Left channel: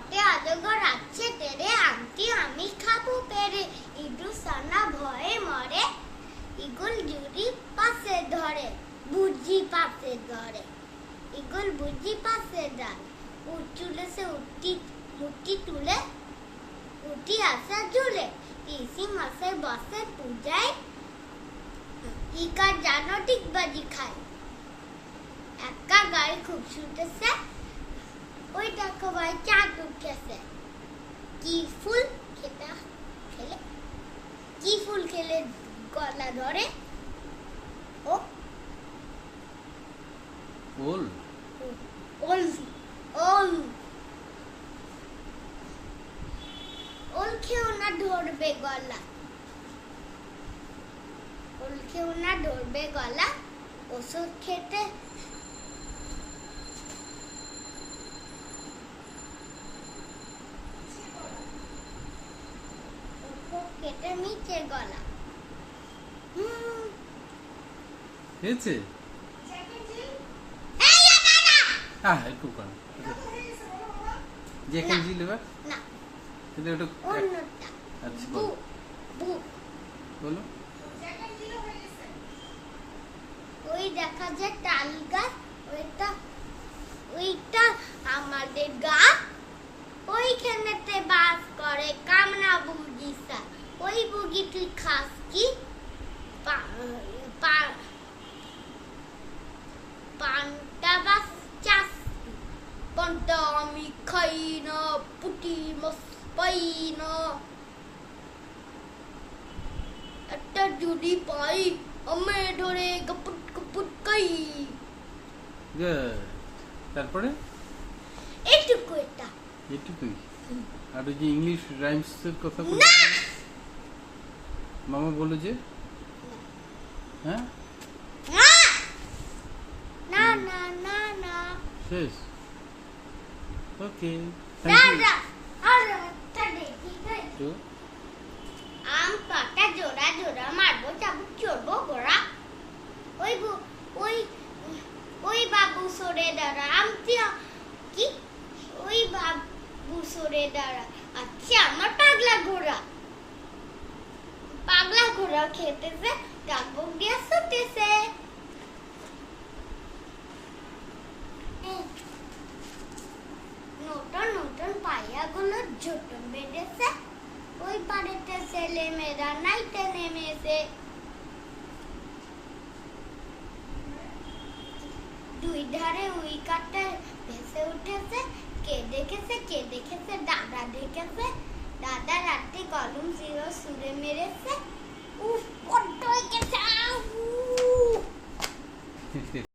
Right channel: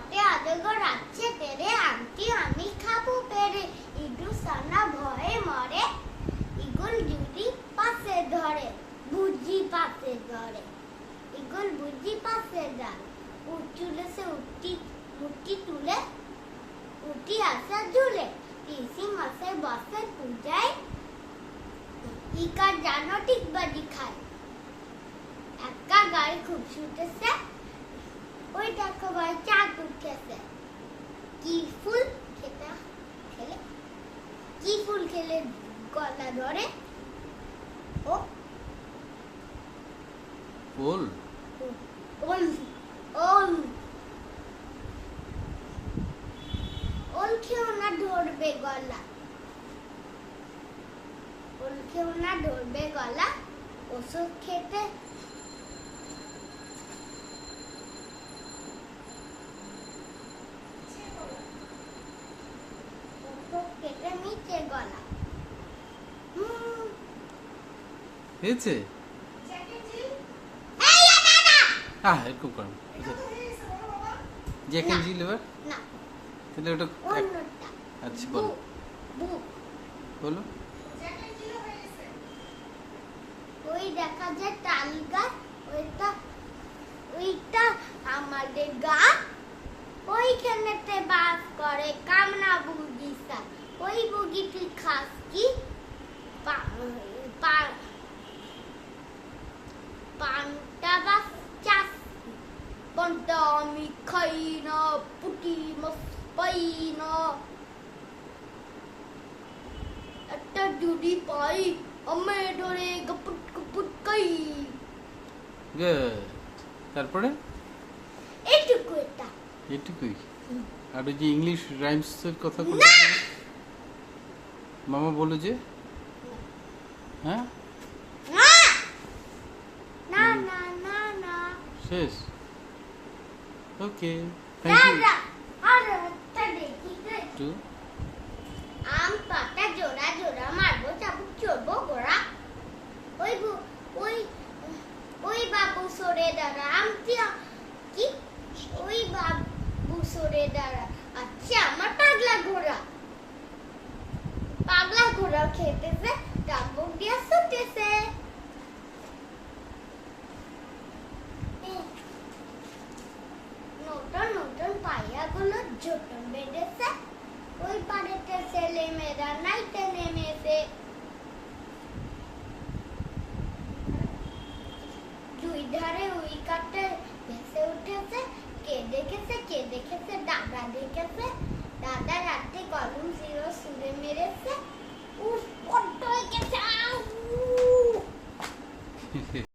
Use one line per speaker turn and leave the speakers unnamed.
পথে অজগর আছে তেরে আংটি আমি খাব পেরে। ইদু সানা ভয়ে মরে, ইগল জুরি পাশে ধরে, বুঝি পাশে ধরে। ইগল বুঝি পাশে ধরে, উঠুলে সে উঠি, মুঠি তুলে, উঠি আসা ঝুলে। পিসি মাসে বসে পূজায় ইকার জানো ঠিক বাজি খায়। একা গাড়ি খুব ছুটেছে ওই দেখো ভাই চাঁদ উঠেছে কি ফুল খেতে খেলে? কি ফুল খেলে গলা ধরে? ও?
ওল
ওল। ওল। ওল খেও না ধরবে গলা। ওল খেও না ধরবে গলা। ওষুধ খেতে ওষুধ খেতে মিচে গলা
হয়েছে? হ্যাঁ একটু করেন জ্যাক জিল এবার?
না।
তাহলে ওটা আচ্ছা বলো। বলো।
ওই দেখা যায় তাল গাছ ওইটা ওইটা ওই তুই খাস কি পান্তা বাস চাষ পান্তা আমি খাই না পুটি মাছ পাই না একটা জুড়ি পাই আমি ধরে গপুট গপুট
গুড তারপরে?
এইটুকু এটা
এটুকুই আর ওই যে ইংলিশ রাইমস এর কথা
না!
মামা বলে যে? হ্যাঁ?
না! না না না না।
শেষ। ওকে থ্যাংক ইউ
না। আর একটা দেখি তো।
টু
আম পাতা জোড়া জোড়া মারবো চাবুক চড়বো গোড়া ওই ওই ওই বাবু সরে দাঁড়া। আমটি কি? ওই বাবু সরে দাঁড়া। পাগলা ঘোড়া খেতেছে ডাকবুক দিয়ে ছুটেছে। নতুন নতুন পাইয়াগুলো জোটন বেঁধেছে। ওই বাড়িতে ছেলে মেয়েরা নাইতে নেমেছে। দুই ধারে উই কাটতে ভেসে উঠেছে। কে দেখেছে কে দেখেছে, দাদা দেখেছে। দাদা রাতে কলম জিরো সুরে মেরেছে।